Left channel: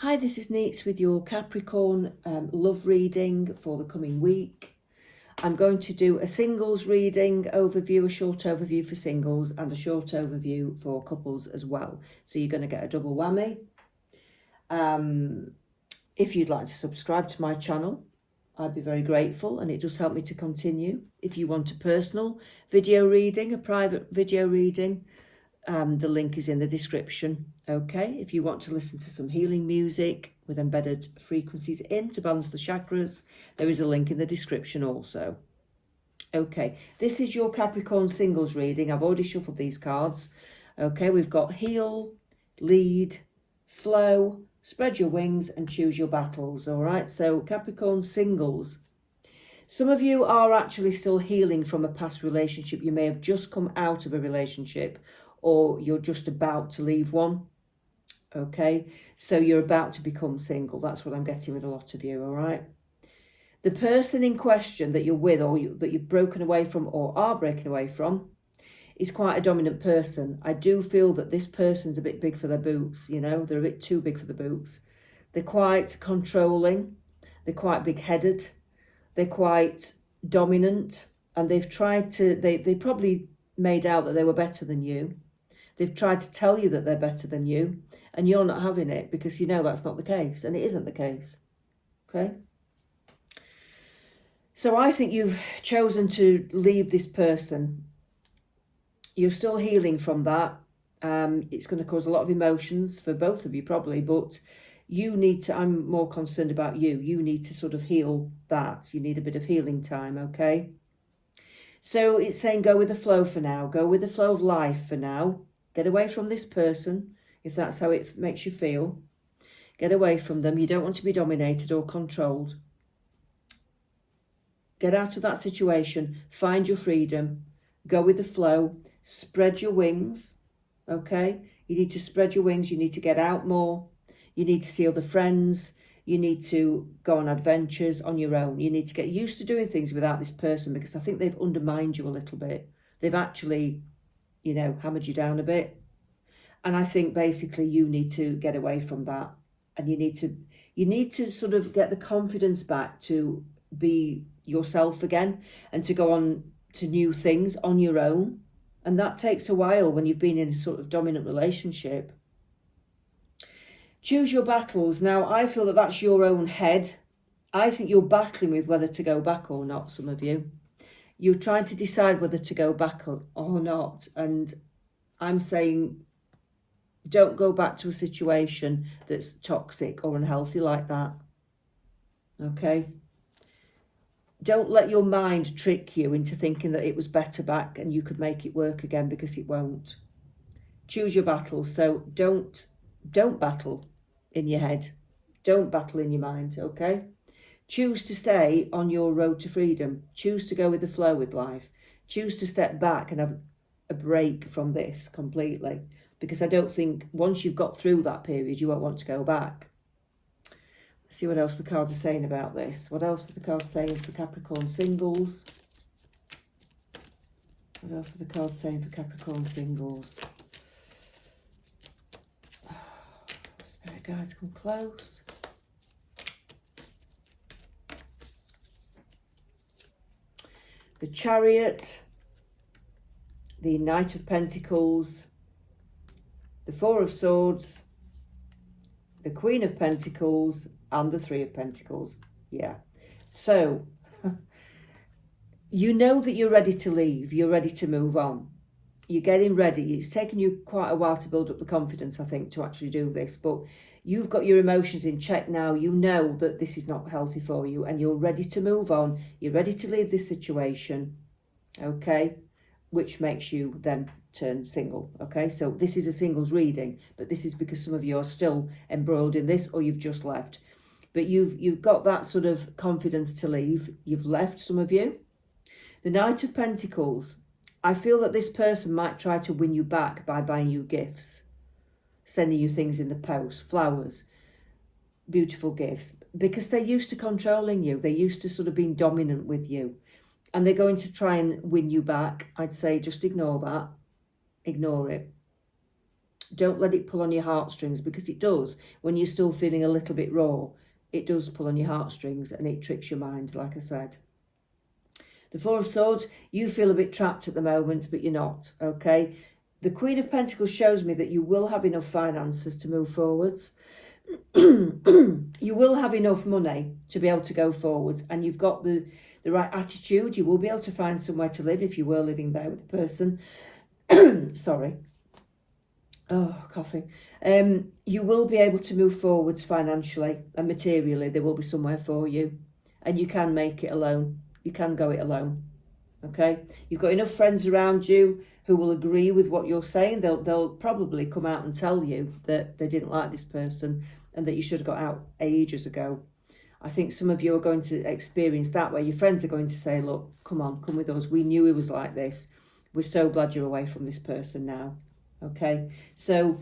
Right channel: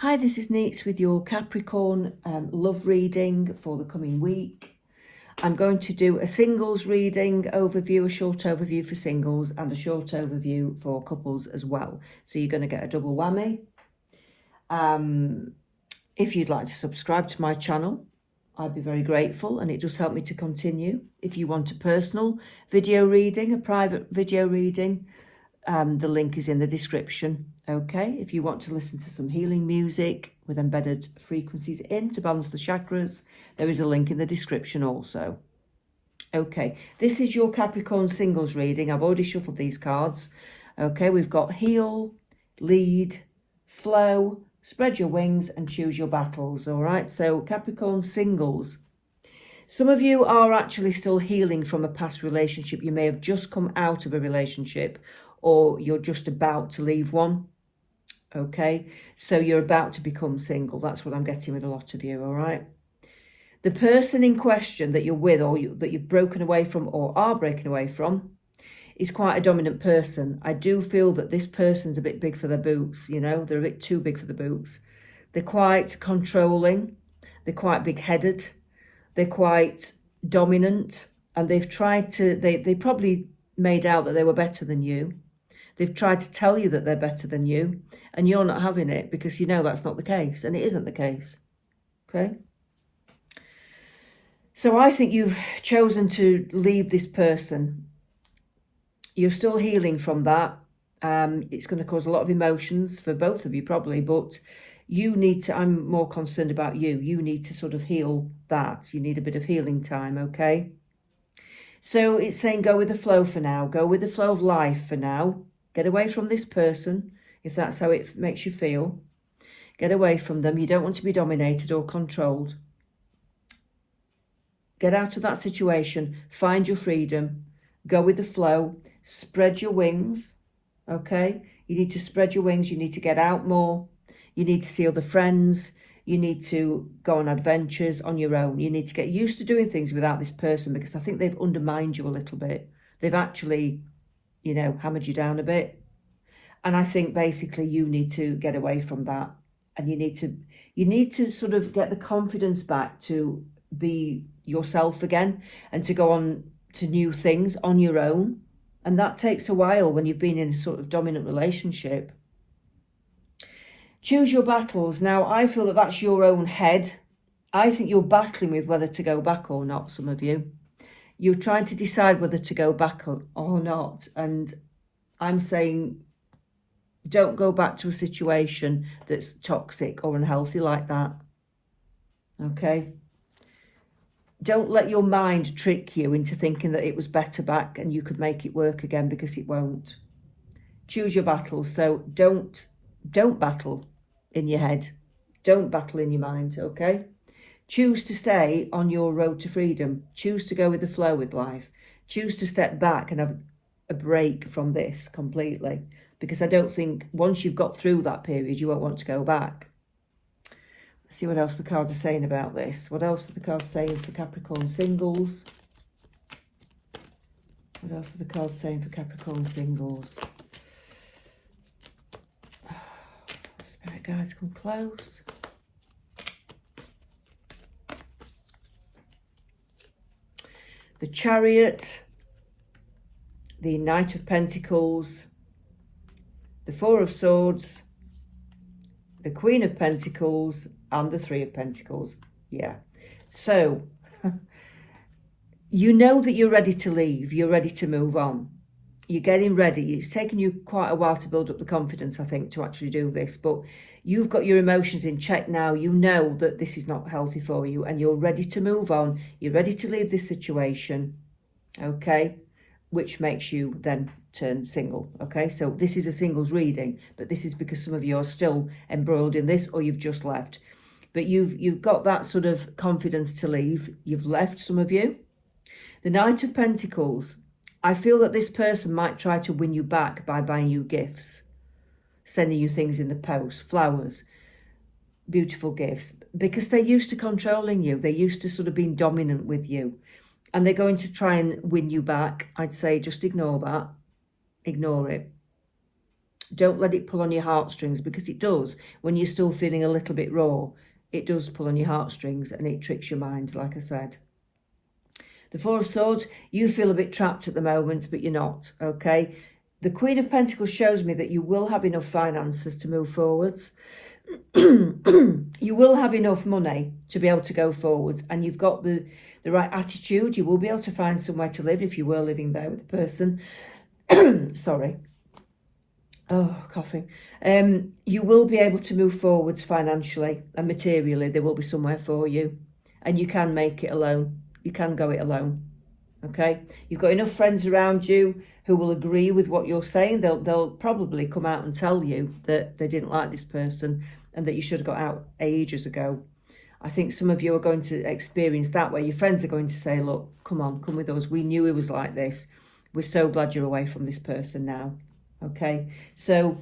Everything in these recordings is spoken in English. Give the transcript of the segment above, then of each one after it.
Hi, this is Neets with your Capricorn love reading for the coming week. I'm going to do a singles reading overview, a short overview for singles and a short overview for couples as well. So you're going to get a double whammy. If you'd like to subscribe to my channel, I'd be very grateful, and it does help me to continue. If you want a personal video reading, a private video reading, the link is in the description. Okay, if you want to listen to some healing music with embedded frequencies in to balance the chakras, there is a link in the description also. Okay, this is your Capricorn singles reading. I've already shuffled these cards. Okay, we've got heal, lead, flow, spread your wings and choose your battles. All right, so Capricorn singles. Some of you are actually still healing from a past relationship. You may have just come out of a relationship, or you're just about to leave one. Okay, so you're about to become single. That's what I'm getting with a lot of you. All right, the person in question that you're with, or that you've broken away from or are breaking away from, is quite a dominant person. I do feel that this person's a bit big for their boots. You know, they're a bit too big for the boots. They're quite controlling. They're quite big-headed. They're quite dominant, and they've tried to. They probably made out that they were better than you. They've tried to tell you that they're better than you, and you're not having it because you know that's not the case, and it isn't the case. Okay? So I think you've chosen to leave this person. You're still healing from that. It's going to cause a lot of emotions for both of you probably, but you need to, I'm more concerned about you. You need to sort of heal that. You need a bit of healing time, okay? So it's saying go with the flow for now. Go with the flow of life for now. Get away from this person, if that's how it makes you feel. Get away from them. You don't want to be dominated or controlled. Get out of that situation. Find your freedom. Go with the flow. Spread your wings, okay? You need to spread your wings. You need to get out more. You need to see other friends. You need to go on adventures on your own. You need to get used to doing things without this person, because I think they've undermined you a little bit. They've actually, you know, hammered you down a bit. And I think basically you need to get away from that. And you need to sort of get the confidence back to be yourself again and to go on to new things on your own. And that takes a while when you've been in a sort of dominant relationship. Choose your battles. Now, I feel that that's your own head. I think you're battling with whether to go back or not, some of you. You're trying to decide whether to go back or not. And I'm saying don't go back to a situation that's toxic or unhealthy like that. Okay? Don't let your mind trick you into thinking that it was better back and you could make it work again, because it won't. Choose your battles. So don't battle in your head. Don't battle in your mind, okay? Choose to stay on your road to freedom. Choose to go with the flow with life. Choose to step back and have a break from this completely, because I don't think once you've got through that period, you won't want to go back. Let's see what else the cards are saying about this. What else are the cards saying for Capricorn singles? What else are the cards saying for Capricorn singles? Spirit guides, come close. The Chariot, the Knight of Pentacles, the Four of Swords, the Queen of Pentacles, and the Three of Pentacles. Yeah. So, you know that you're ready to leave. You're ready to move on. You're getting ready. It's taken you quite a while to build up the confidence, I think, to actually do this. But you've got your emotions in check now. You know that this is not healthy for you, and you're ready to move on. You're ready to leave this situation, okay? Which makes you then turn single, okay? So this is a singles reading, but this is because some of you are still embroiled in this, or you've just left. But you've got that sort of confidence to leave. You've left, some of you. The Knight of Pentacles. I feel that this person might try to win you back by buying you gifts, sending you things in the post, flowers, beautiful gifts, because they're used to controlling you. They're used to sort of being dominant with you. And they're going to try and win you back. I'd say just ignore that. Ignore it. Don't let it pull on your heartstrings, because it does. When you're still feeling a little bit raw, it does pull on your heartstrings and it tricks your mind, like I said. The Four of Swords, you feel a bit trapped at the moment, but you're not, okay? The Queen of Pentacles shows me that you will have enough finances to move forwards. You will have enough money to be able to go forwards, and you've got the right attitude. You will be able to find somewhere to live if you were living there with the person. Sorry. Oh, coughing. You will be able to move forwards financially and materially. There will be somewhere for you, and you can make it alone. You can go it alone. Okay, you've got enough friends around you who will agree with what you're saying. They'll probably come out and tell you that they didn't like this person and that you should have got out ages ago. I think some of you are going to experience that, where your friends are going to say, look, come on, come with us. We knew he was like this. We're so glad you're away from this person now. Okay, so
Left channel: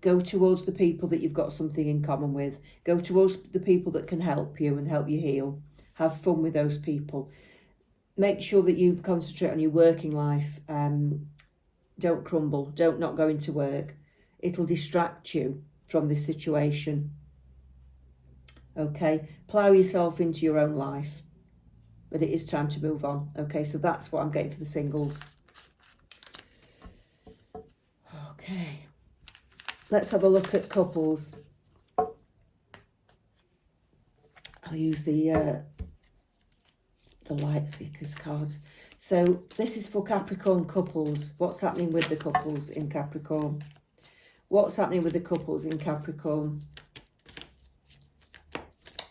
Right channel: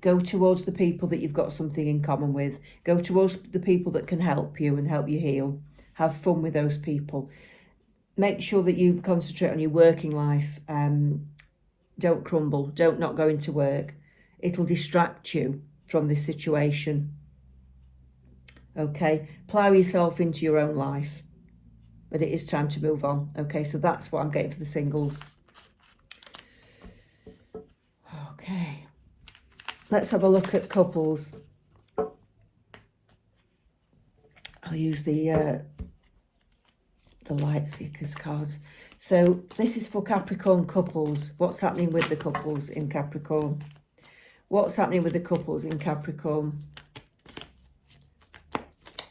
go towards the people that you've got something in common with. Go towards the people that can help you and help you heal. Have fun with those people. Make sure that you concentrate on your working life. Don't crumble. Don't not go into work. It'll distract you from this situation. Okay, plough yourself into your own life. But it is time to move on. Okay, so that's what I'm getting for the singles. Okay, let's have a look at couples. I'll use the Light Seekers cards. So this is for Capricorn couples. What's happening with the couples in Capricorn? What's happening with the couples in Capricorn?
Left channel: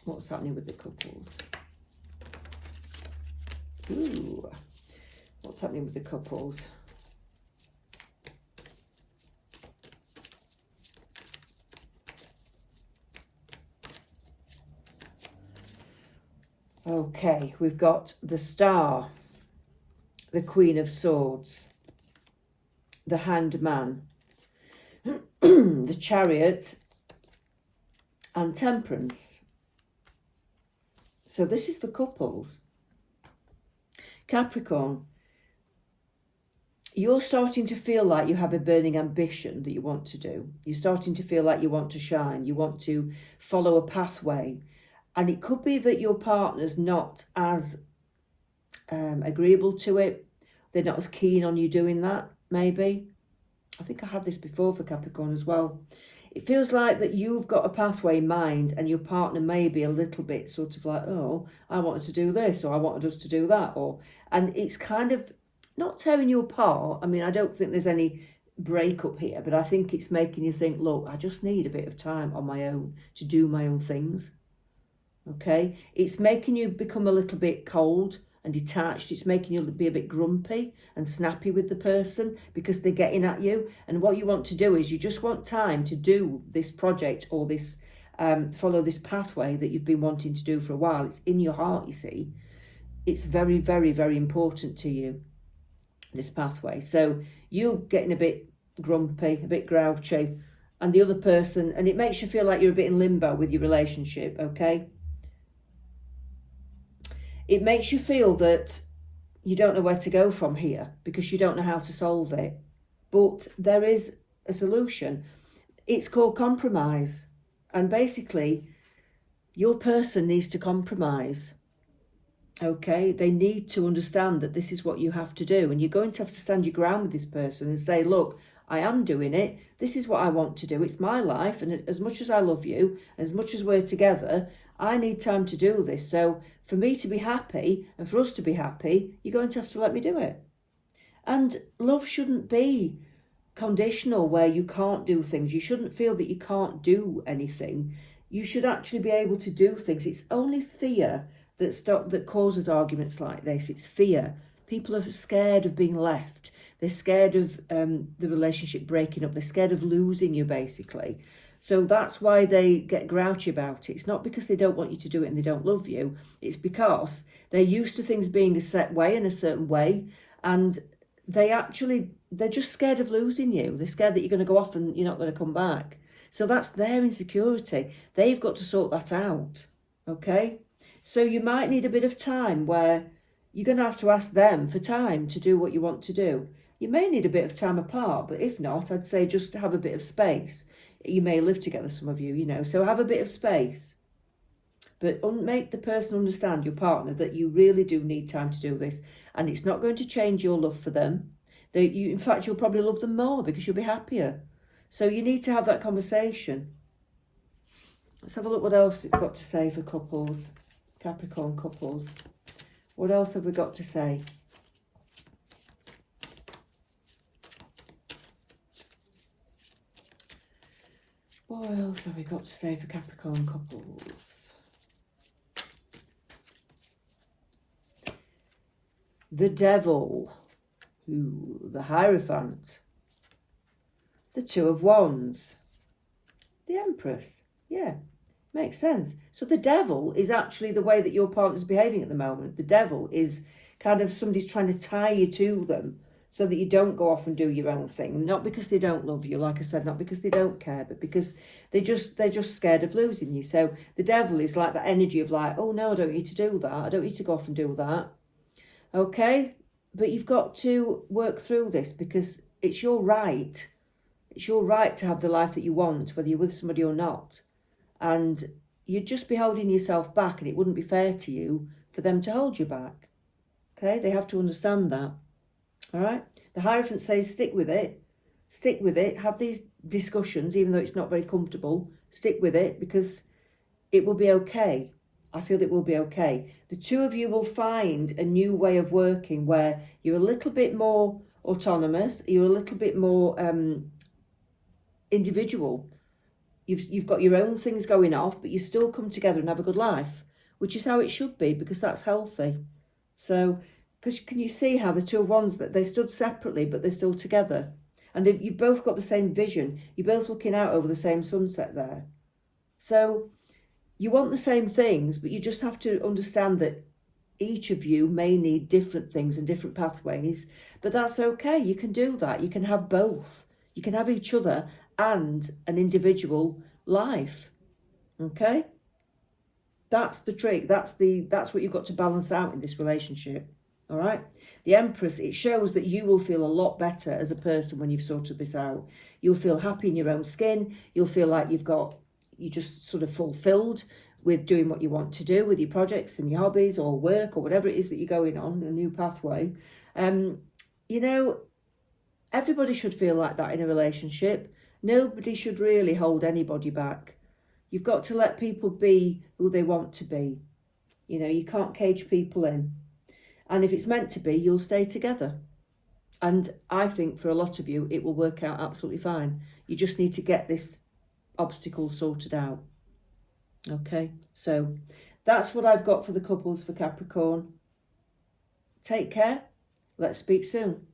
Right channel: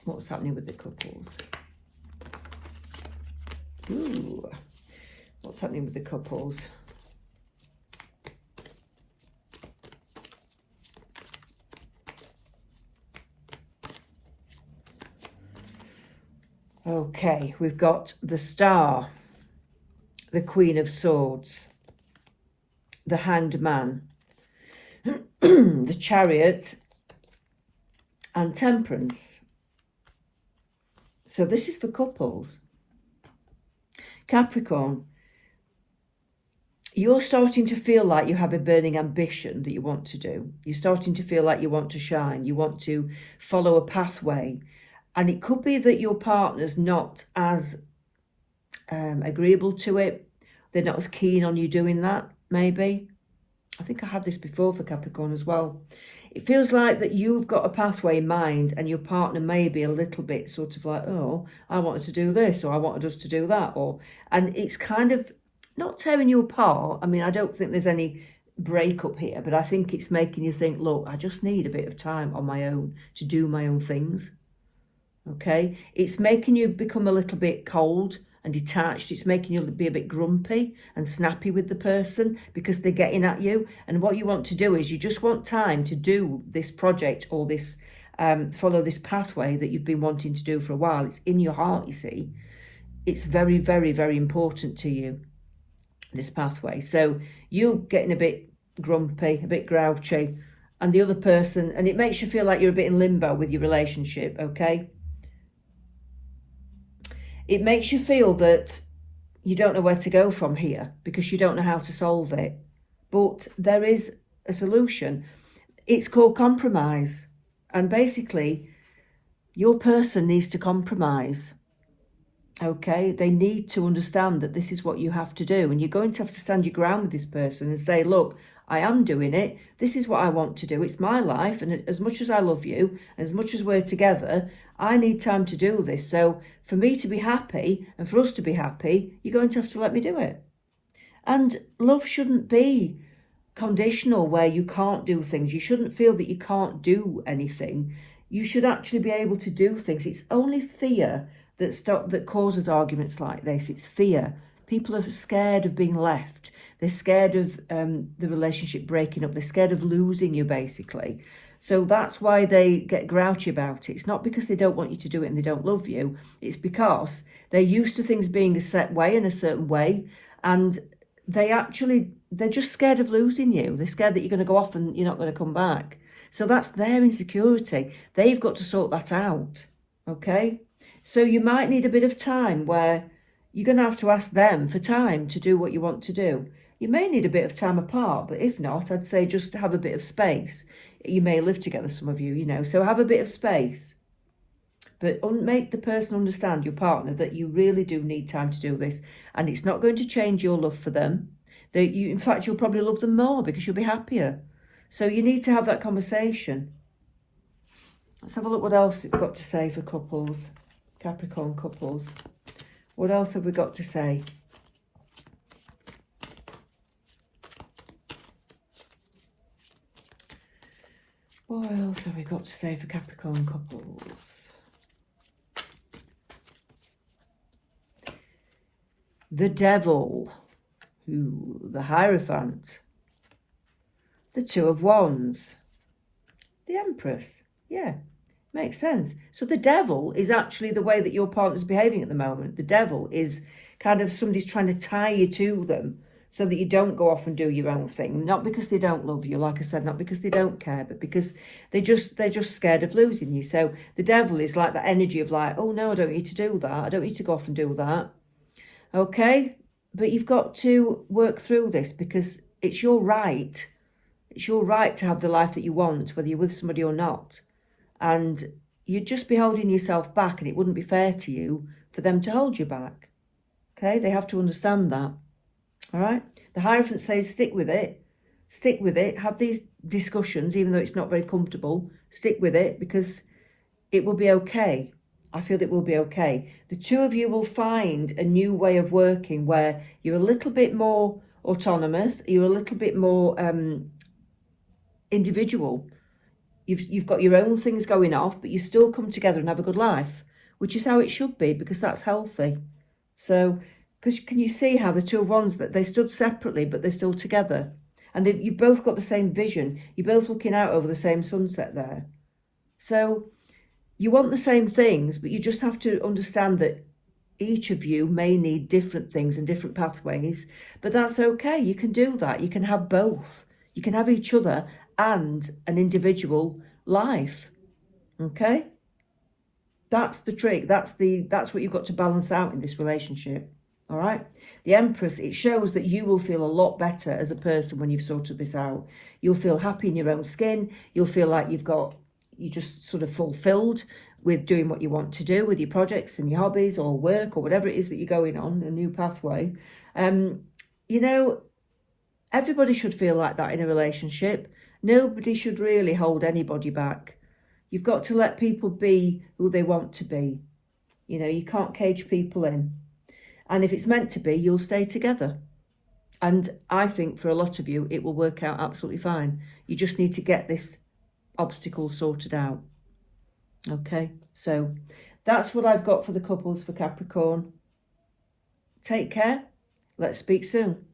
What's happening with the couples? Ooh. What's happening with the couples? Okay, we've got the Star, the Queen of Swords, the Hanged Man, the Chariot, and Temperance. So this is for couples. Capricorn, you're starting to feel like you have a burning ambition that you want to do. You're starting to feel like you want to shine. You want to follow a pathway. And it could be that your partner's not as agreeable to it. They're not as keen on you doing that, maybe. I think I had this before for Capricorn as well. It feels like that you've got a pathway in mind and your partner may be a little bit sort of like, oh, I wanted to do this, or I wanted us to do that. And it's kind of not tearing you apart. I mean, I don't think there's any breakup here, but I think it's making you think, look, I just need a bit of time on my own to do my own things. Okay, it's making you become a little bit cold and detached. It's making you be a bit grumpy and snappy with the person because they're getting at you. And what you want to do is you just want time to do this project or this, follow this pathway that you've been wanting to do for a while. It's in your heart, you see. It's very, very, very important to you, this pathway. So you're getting a bit grumpy, a bit grouchy, and the other person, and it makes you feel like you're a bit in limbo with your relationship, okay? It makes you feel that you don't know where to go from here because you don't know how to solve it. But there is a solution. It's called compromise. And basically, your person needs to compromise. Okay? They need to understand that this is what you have to do. And you're going to have to stand your ground with this person and say, look, I am doing it. This is what I want to do. It's my life. And as much as I love you, as much as we're together, I need time to do this. So for me to be happy and for us to be happy, you're going to have to let me do it. And love shouldn't be conditional where you can't do things. You shouldn't feel that you can't do anything. You should actually be able to do things. It's only fear that causes arguments like this. It's fear. People are scared of being left. They're scared of the relationship breaking up. They're scared of losing you, basically. So that's why they get grouchy about it. It's not because they don't want you to do it and they don't love you. It's because they're used to things being a set way in a certain way. And they're just scared of losing you. They're scared that you're going to go off and you're not going to come back. So that's their insecurity. They've got to sort that out. Okay? So you might need a bit of time where you're going to have to ask them for time to do what you want to do. You may need a bit of time apart, but if not, I'd say just to have a bit of space. You may live together, some of you, you know, so have a bit of space. But make the person understand, your partner, that you really do need time to do this, and it's not going to change your love for them. In fact, you'll probably love them more because you'll be happier. So you need to have that conversation. Let's have a look what else it's got to say for couples, Capricorn couples. What else have we got to say? What else have we got to say for Capricorn couples? The Devil, the Hierophant, the Two of Wands, the Empress. Yeah, makes sense. So the Devil is actually the way that your partner's behaving at the moment. The Devil is kind of somebody's trying to tie you to them so that you don't go off and do your own thing. Not because they don't love you, like I said, not because they don't care, but because they're just scared of losing you. So the Devil is like that energy of like, oh no, I don't need to do that. I don't need to go off and do that. Okay, but you've got to work through this because it's your right. It's your right to have the life that you want, whether you're with somebody or not. And you'd just be holding yourself back, and it wouldn't be fair to you for them to hold you back. Okay, they have to understand that. All right, the Hierophant says stick with it. Stick with it. Have these discussions, even though it's not very comfortable. Stick with it because it will be okay. I feel it will be okay. The two of you will find a new way of working where you're a little bit more autonomous, you're a little bit more individual. You've got your own things going off, but you still come together and have a good life, which is how it should be because that's healthy. So, because can you see how the Two of Wands, that they stood separately, but they're still together? And you've both got the same vision. You're both looking out over the same sunset there. So you want the same things, but you just have to understand that each of you may need different things and different pathways, but that's okay. You can do that. You can have both. You can have each other and an individual life. Okay? That's the trick. That's what you've got to balance out in this relationship. All right? The Empress, it shows that you will feel a lot better as a person when you've sorted this out. You'll feel happy in your own skin. You'll feel like you're just sort of fulfilled with doing what you want to do with your projects and your hobbies or work or whatever it is that you're going on, a new pathway. You know, everybody should feel like that in a relationship. Nobody should really hold anybody back. You've got to let people be who they want to be. You know, you can't cage people in. And if it's meant to be, you'll stay together. And I think for a lot of you, it will work out absolutely fine. You just need to get this obstacle sorted out. Okay, so that's what I've got for the couples for Capricorn. Take care. Let's speak soon.